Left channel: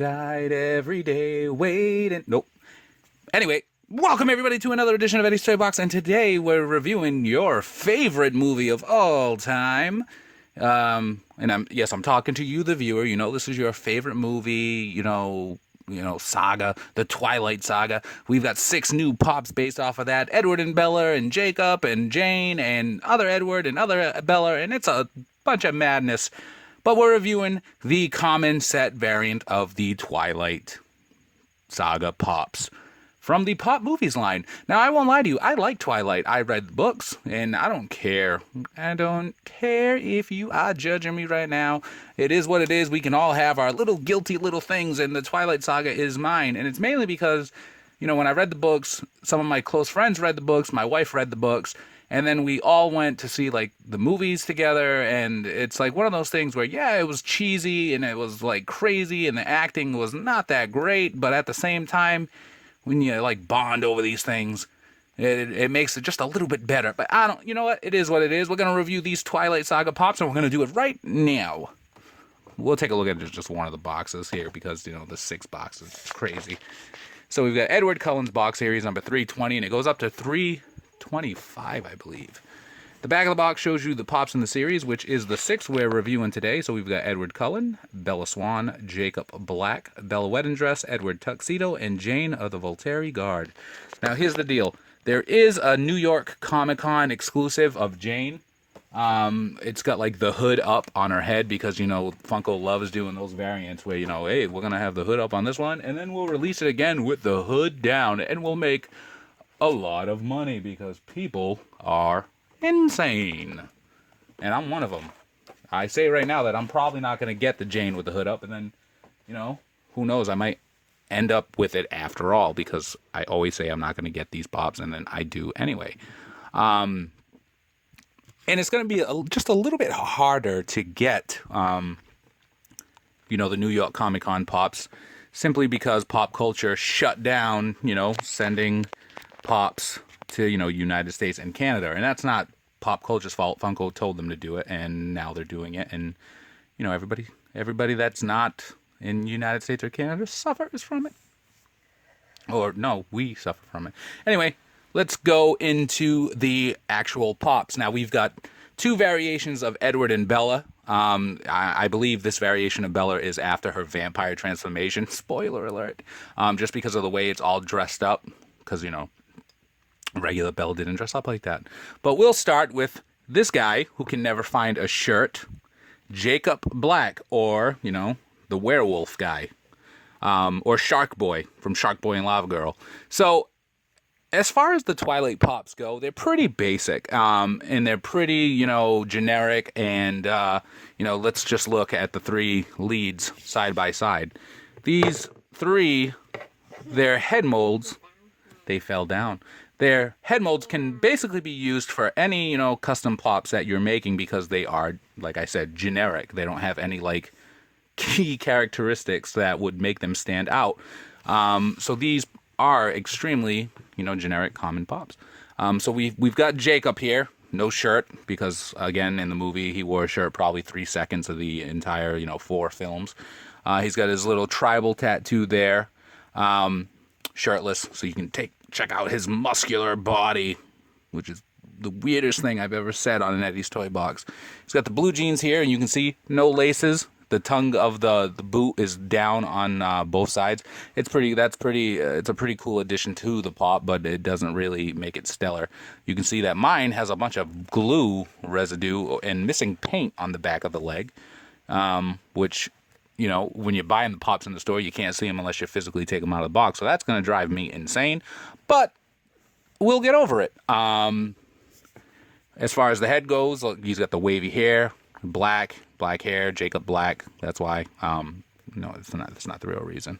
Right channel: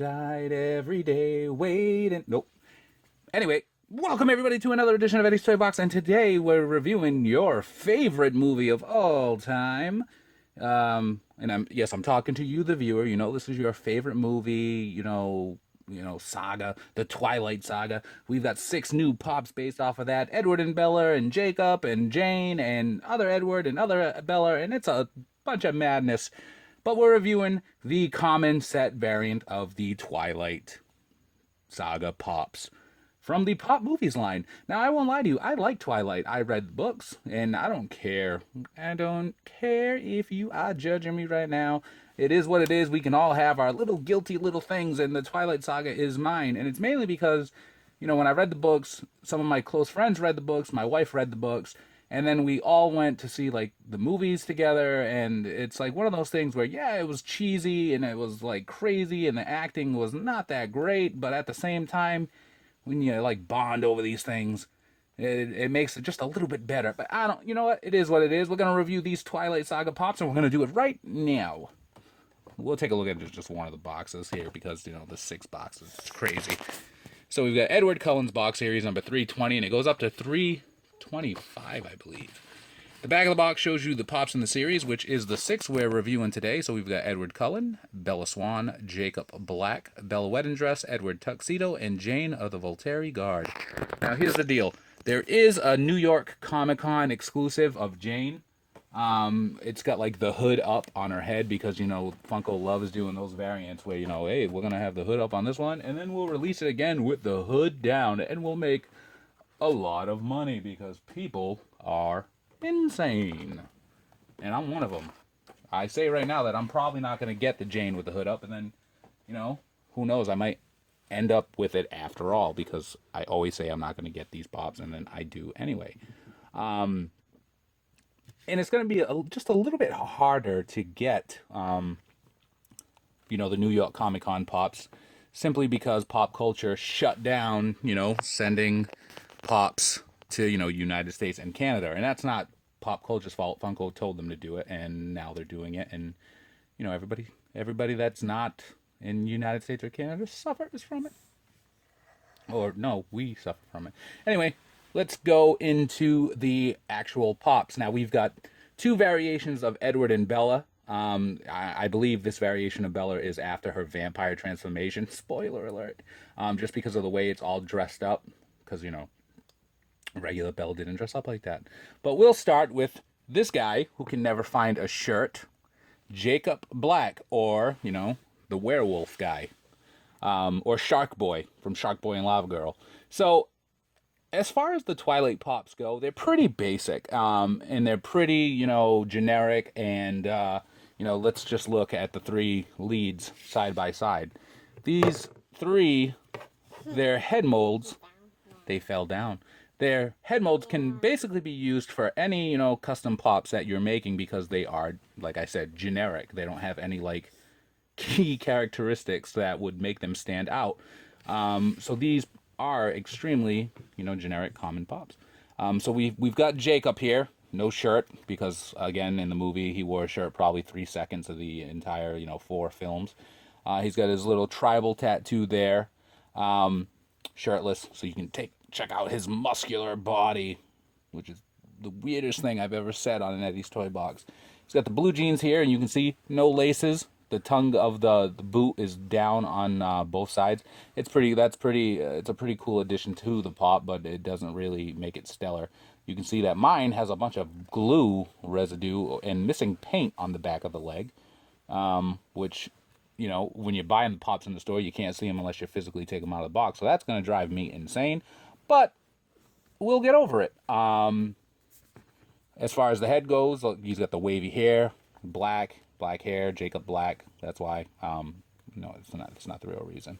died every day waiting. Nope. Anyway, welcome everybody to another edition of Eddie's Toy Box, and today we're reviewing your favorite movie of all time. And I'm talking to you, the viewer. You know, this is your favorite movie, saga, the Twilight Saga. We've got 6 new pops based off of that. Edward and Bella and Jacob and Jane and other Edward and other Bella, and it's a bunch of madness. But we're reviewing the common set variant of the Twilight Saga pops from the Pop Movies line. Now, I won't lie to you, I like Twilight. I read the books, and I don't care. I don't care if you are judging me right now. It is what it is. We can all have our little guilty little things, and the Twilight Saga is mine. And it's mainly because, when I read the books, some of my close friends read the books, my wife read the books, and then we all went to see, the movies together, and it's, one of those things where, yeah, it was cheesy, and it was, crazy, and the acting was not that great, but at the same time, when you, bond over these things, it makes it just a little bit better. But you know what? It is what it is. We're going to review these Twilight Saga pops, and we're going to do it right now. We'll take a look at just one of the boxes here, because, the 6 boxes, it's crazy. So we've got Edward Cullen's box series number 320, and it goes up to 325, I believe. The back of the box shows you the pops in the series, which is the 6 we're reviewing today. So we've got Edward Cullen, Bella Swan, Jacob Black, Bella Wedding Dress, Edward Tuxedo, and Jane of the Voltaire Guard. Now, here's the deal. There is a New York Comic-Con exclusive of Jane. It's got, the hood up on her head because, Funko loves doing those variants where, hey, we're going to have the hood up on this one, and then we'll release it again with the hood down, and we'll make a lot of money because people are insane. And I'm one of them. I say right now that I'm probably not going to get the Jane with the hood up, and then, who knows, I might end up with it after all, because I always say I'm not going to get these pops, and then I do anyway. And it's going to be just a little bit harder to get, the New York Comic-Con pops, simply because pop culture shut down, sending pops to, United States and Canada. And that's not pop culture's fault. Funko told them to do it, and now they're doing it. And, everybody that's not in United States or Canada suffers from it. Or, no, we suffer from it. Anyway, let's go into the actual pops. Now, we've got 2 variations of Edward and Bella. I believe this variation of Bella is after her vampire transformation. Spoiler alert. Just because of the way it's all dressed up. Because, regular Belle didn't dress up like that. But we'll start with this guy who can never find a shirt, Jacob Black, or, the werewolf guy, or Shark Boy from Shark Boy and Lava Girl. So, as far as the Twilight pops go, they're pretty basic, and they're pretty, generic, and, let's just look at the 3 leads side by side. These 3, their head molds, they fell down. Their head molds can basically be used for any, custom pops that you're making, because they are, like I said, generic. They don't have any, key characteristics that would make them stand out. So these are extremely, generic common pops. So we've got Jacob here, no shirt, because, again, in the movie, he wore a shirt probably 3 seconds of the entire, 4 films. He's got his little tribal tattoo there, shirtless, so you can check out his muscular body, which is the weirdest thing I've ever said on an Eddie's Toy Box. He's got the blue jeans here, and you can see no laces. The tongue of the boot is down on both sides. It's a pretty cool addition to the pop, but it doesn't really make it stellar. You can see that mine has a bunch of glue residue and missing paint on the back of the leg, which, when you're buying the pops in the store, you can't see them unless you physically take them out of the box. So that's going to drive me insane. But we'll get over it. As far as the head goes, look, he's got the wavy hair, black hair, Jacob Black. That's why. No, it's not the real reason.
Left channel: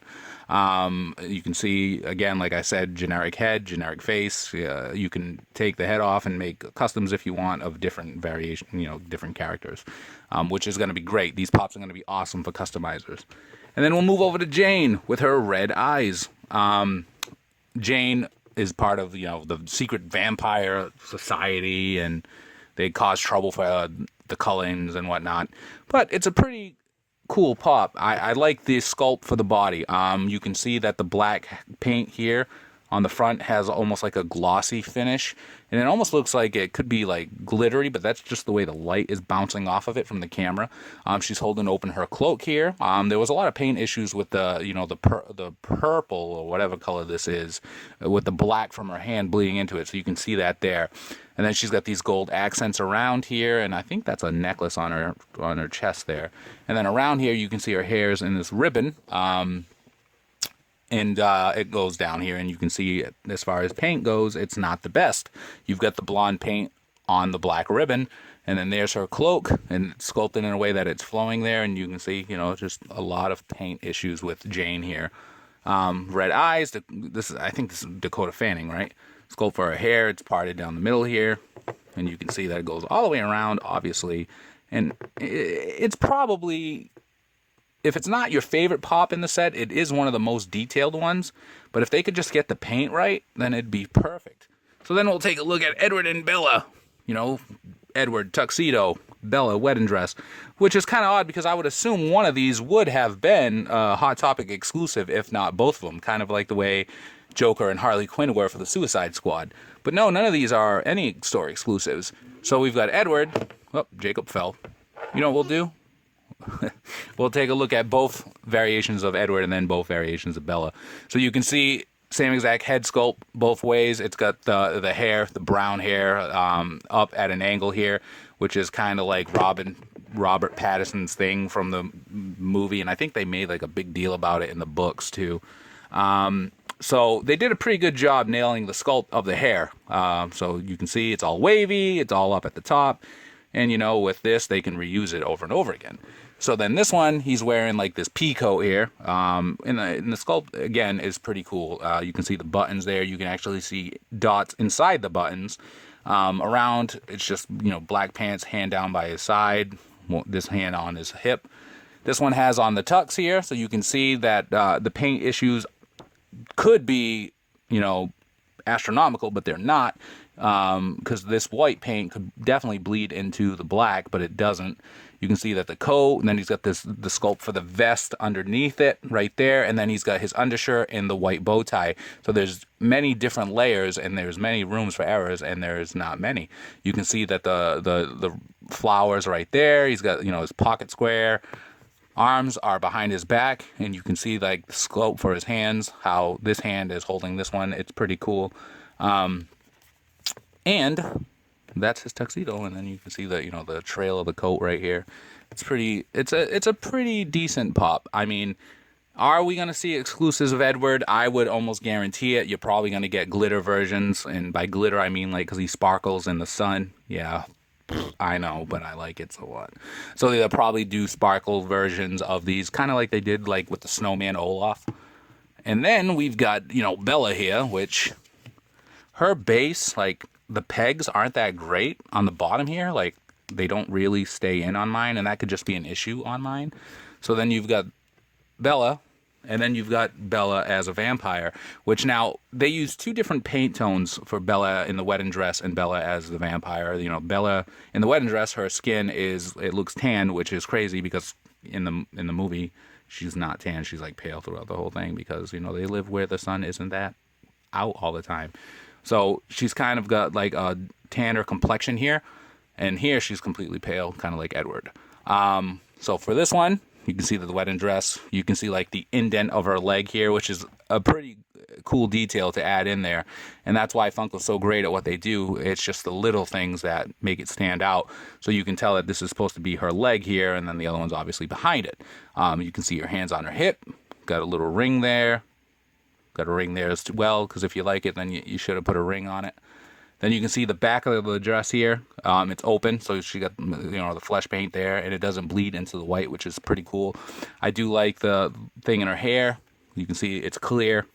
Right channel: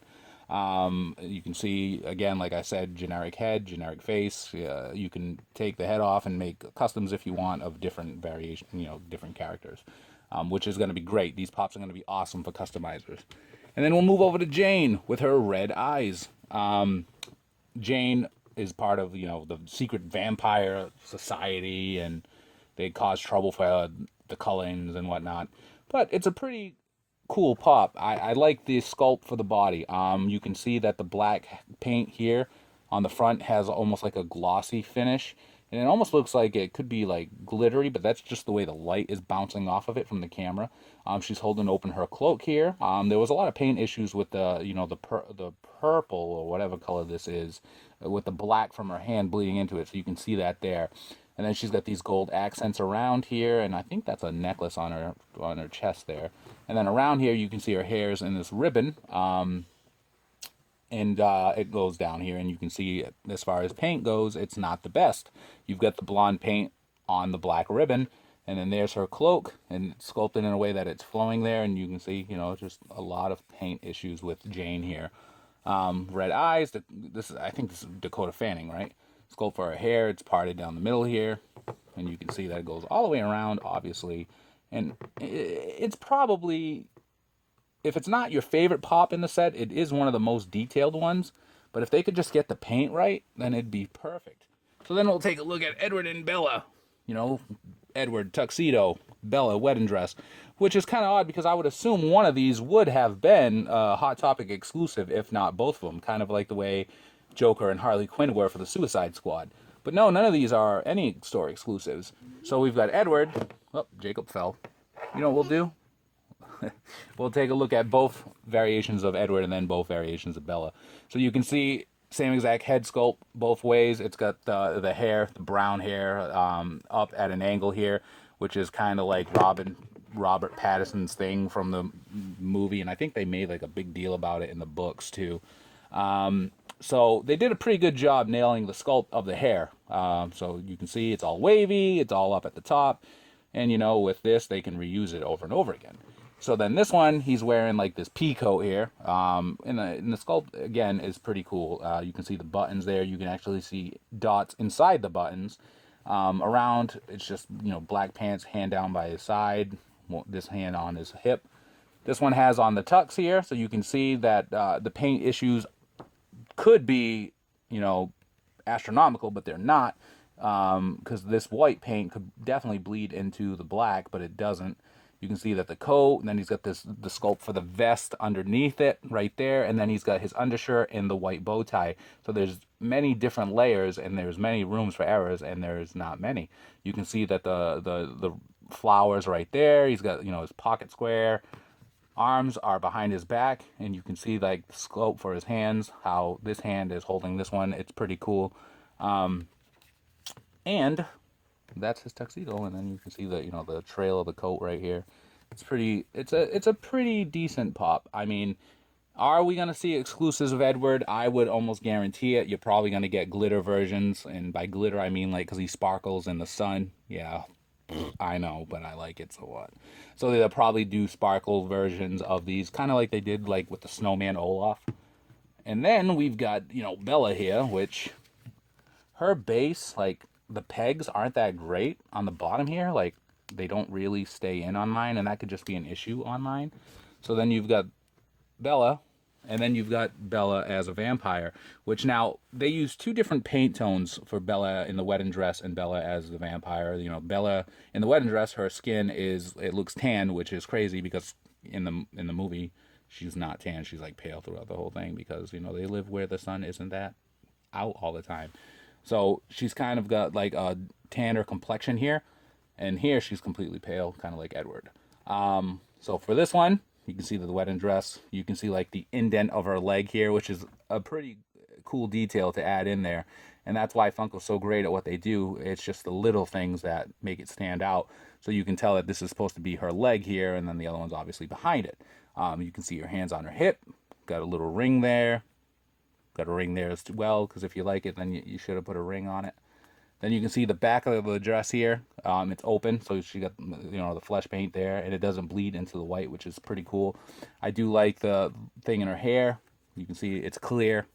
You can see, again, like I said, generic head, generic face. You can take the head off and make customs if you want of different variation, different characters, which is going to be great. These pops are going to be awesome for customizers. And then we'll move over to Jane with her red eyes. Jane is part of, the secret vampire society, and they cause trouble for the Cullens and whatnot. But it's a pretty cool pop. I like the sculpt for the body. You can see that the black paint here on the front has almost like a glossy finish, and it almost looks like it could be like glittery, but that's just the way the light is bouncing off of it from the camera. She's holding open her cloak here. There was a lot of paint issues with the, you know, the purple or whatever color this is, with the black from her hand bleeding into it, so you can see that there. And then she's got these gold accents around here, and I think that's a necklace on her chest there. And then around here you can see her hair's in this ribbon. And it goes down here, and you can see, as far as paint goes, it's not the best. You've got the blonde paint on the black ribbon, and then there's her cloak, and it's sculpted in a way that it's flowing there, and you can see, you know, just a lot of paint issues with Jane here. Red eyes, I think this is Dakota Fanning, right? Sculpt for her hair, it's parted down the middle here, and you can see that it goes all the way around, obviously, and it's probably... If it's not your favorite pop in the set, it is one of the most detailed ones. But if they could just get the paint right, then it'd be perfect. So then we'll take a look at Edward and Bella. You know, Edward, tuxedo, Bella, wedding dress. Which is kind of odd, because I would assume one of these would have been Hot Topic exclusive, if not both of them. Kind of like the way Joker and Harley Quinn were for the Suicide Squad. But no, none of these are any store exclusives. So we've got Edward. Oh, Jacob fell. You know what we'll do? We'll take a look at both variations of Edward and then both variations of Bella. So you can see same exact head sculpt both ways. It's got the hair, the brown hair, up at an angle here, which is kind of like Robert Pattinson's thing from the movie, and I think they made like a big deal about it in the books too. So they did a pretty good job nailing the sculpt of the hair. So you can see it's all wavy, it's all up at the top, and you know, with this they can reuse it over and over again. So then this one, he's wearing like this pea coat here. And the sculpt, again, is pretty cool. You can see the buttons there. You can actually see dots inside the buttons. Around, it's just, you know, black pants, hand down by his side. This hand on his hip. This one has on the tux here. So you can see that the paint issues could be, you know, astronomical, but they're not. Because this white paint could definitely bleed into the black, but it doesn't. You can see that the coat, and then he's got the sculpt for the vest underneath it right there, and then he's got his undershirt and the white bow tie. So there's many different layers, and there's many rooms for errors, and there's not many. You can see that the flowers right there. He's got, you know, his pocket square. Arms are behind his back, and you can see like the sculpt for his hands, how this hand is holding this one. It's pretty cool. And that's his tuxedo, and then you can see the, you know, the trail of the coat right here. It's a pretty decent pop. I mean, are we gonna see exclusives of Edward? I would almost guarantee it. You're probably gonna get glitter versions, and by glitter I mean like because he sparkles in the sun. Yeah, I know, but I like it so what. So they'll probably do sparkle versions of these, kind of like they did like with the snowman Olaf. And then we've got, you know, Bella here, which her base, like, the pegs aren't that great on the bottom here. Like, they don't really stay in on mine, and that could just be an issue on mine. So then you've got Bella, and then you've got Bella as a vampire, which now they use two different paint tones for Bella in the wedding dress and Bella as the vampire. You know, Bella in the wedding dress, her skin it looks tan, which is crazy because in the movie she's not tan. She's like pale throughout the whole thing because, you know, they live where the sun isn't that out all the time. So she's kind of got like a tanner complexion here, and here she's completely pale, kind of like Edward. So for this one, you can see the wedding dress. You can see like the indent of her leg here, which is a pretty cool detail to add in there. And that's why Funko's so great at what they do. It's just the little things that make it stand out. So you can tell that this is supposed to be her leg here, and then the other one's obviously behind it. You can see her hands on her hip. Got a little ring there. Got a ring there as well, because if you like it, then you should have put a ring on it. Then you can see the back of the dress here. It's open, so she got, you know, the flesh paint there, and it doesn't bleed into the white, which is pretty cool. I do like the thing in her hair. You can see it's clear.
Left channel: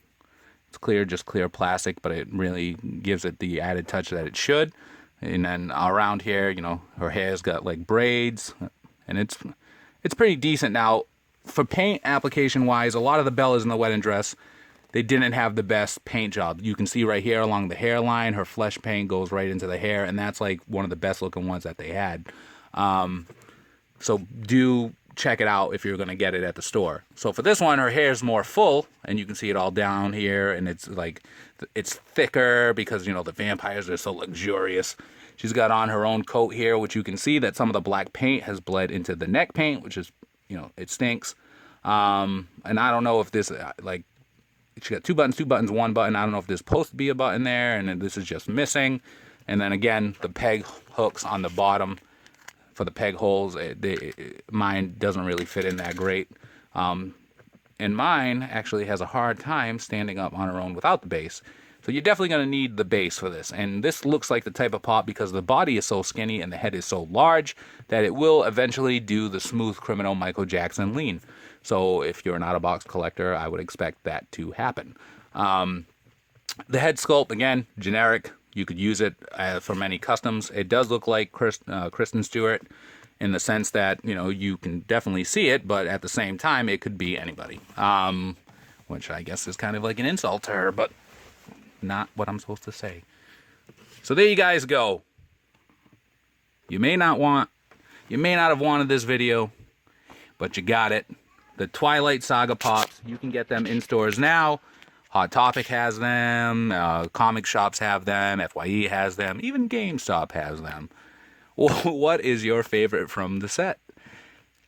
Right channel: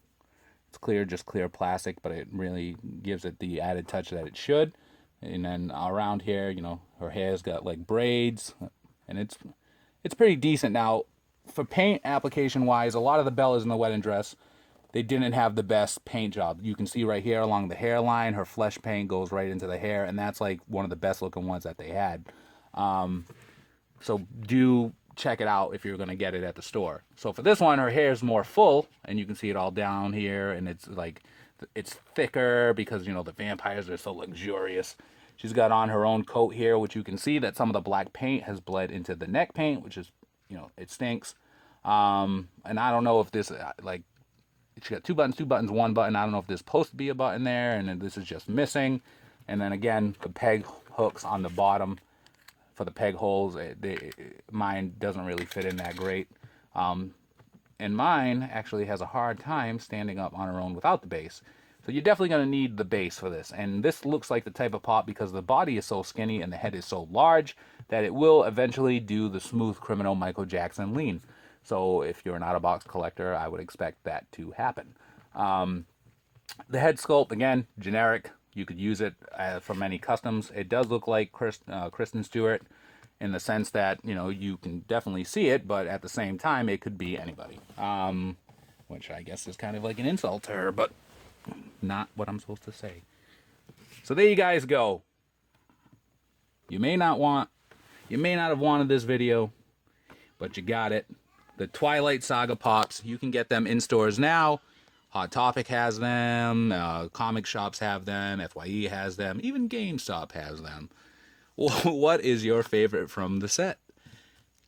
It's clear, just clear plastic, but it really gives it the added touch that it should. And then around here, you know, her hair's got like braids, and it's pretty decent. Now, for paint application wise, a lot of the Bellas in the wedding dress, they didn't have the best paint job. You can see right here along the hairline, her flesh paint goes right into the hair, and that's like one of the best looking ones that they had. So do check it out if you're going to get it at the store. So for this one, her hair is more full, and you can see it all down here, and it's like, it's thicker because, you know, the vampires are so luxurious. She's got on her own coat here, which you can see that some of the black paint has bled into the neck paint, which is, you know, it stinks. And I don't know if this, like, she got two buttons, one button. I don't know if there's supposed to be a button there, and then this is just missing. And then again, the peg hooks on the bottom for the peg holes, mine doesn't really fit in that great. And mine actually has a hard time standing up on her own without the base. So you're definitely going to need the base for this. And this looks like the type of pop because the body is so skinny and the head is so large that it will eventually do the smooth criminal Michael Jackson lean. So if you're an out-of-box collector, I would expect that to happen. The head sculpt, again, generic. You could use it for many customs. It does look like Kristen Stewart in the sense that, you know, you can definitely see it, but at the same time, it could be anybody. Which I guess is kind of like an insult to her, but not what I'm supposed to say. So there you guys go. You may not have wanted this video, but you got it. The Twilight Saga pops. You can get them in stores now. Hot Topic has them. Comic shops have them. FYE has them. Even GameStop has them. What is your favorite from the set?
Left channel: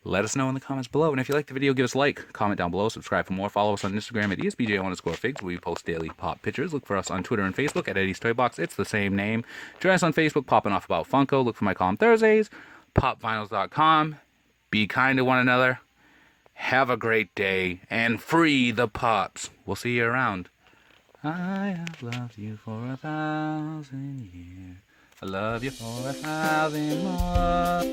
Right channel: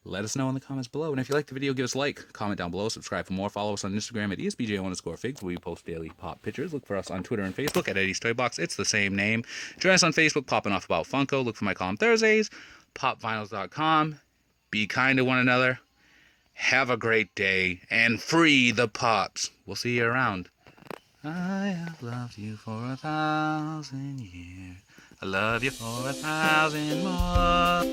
Let us know in the comments below. And if you liked the video, give us a like, comment down below, subscribe for more. Follow us on Instagram at ESBJ_figs, where we post daily pop pictures. Look for us on Twitter and Facebook at EddiesToyBox. It's the same name. Join us on Facebook, popping off about Funko. Look for my column Thursdays, popvinyls.com. Be kind to one another. Have a great day, and free the pops. We'll see you around. I have loved you for 1,000 years. I love you for 1,000 more.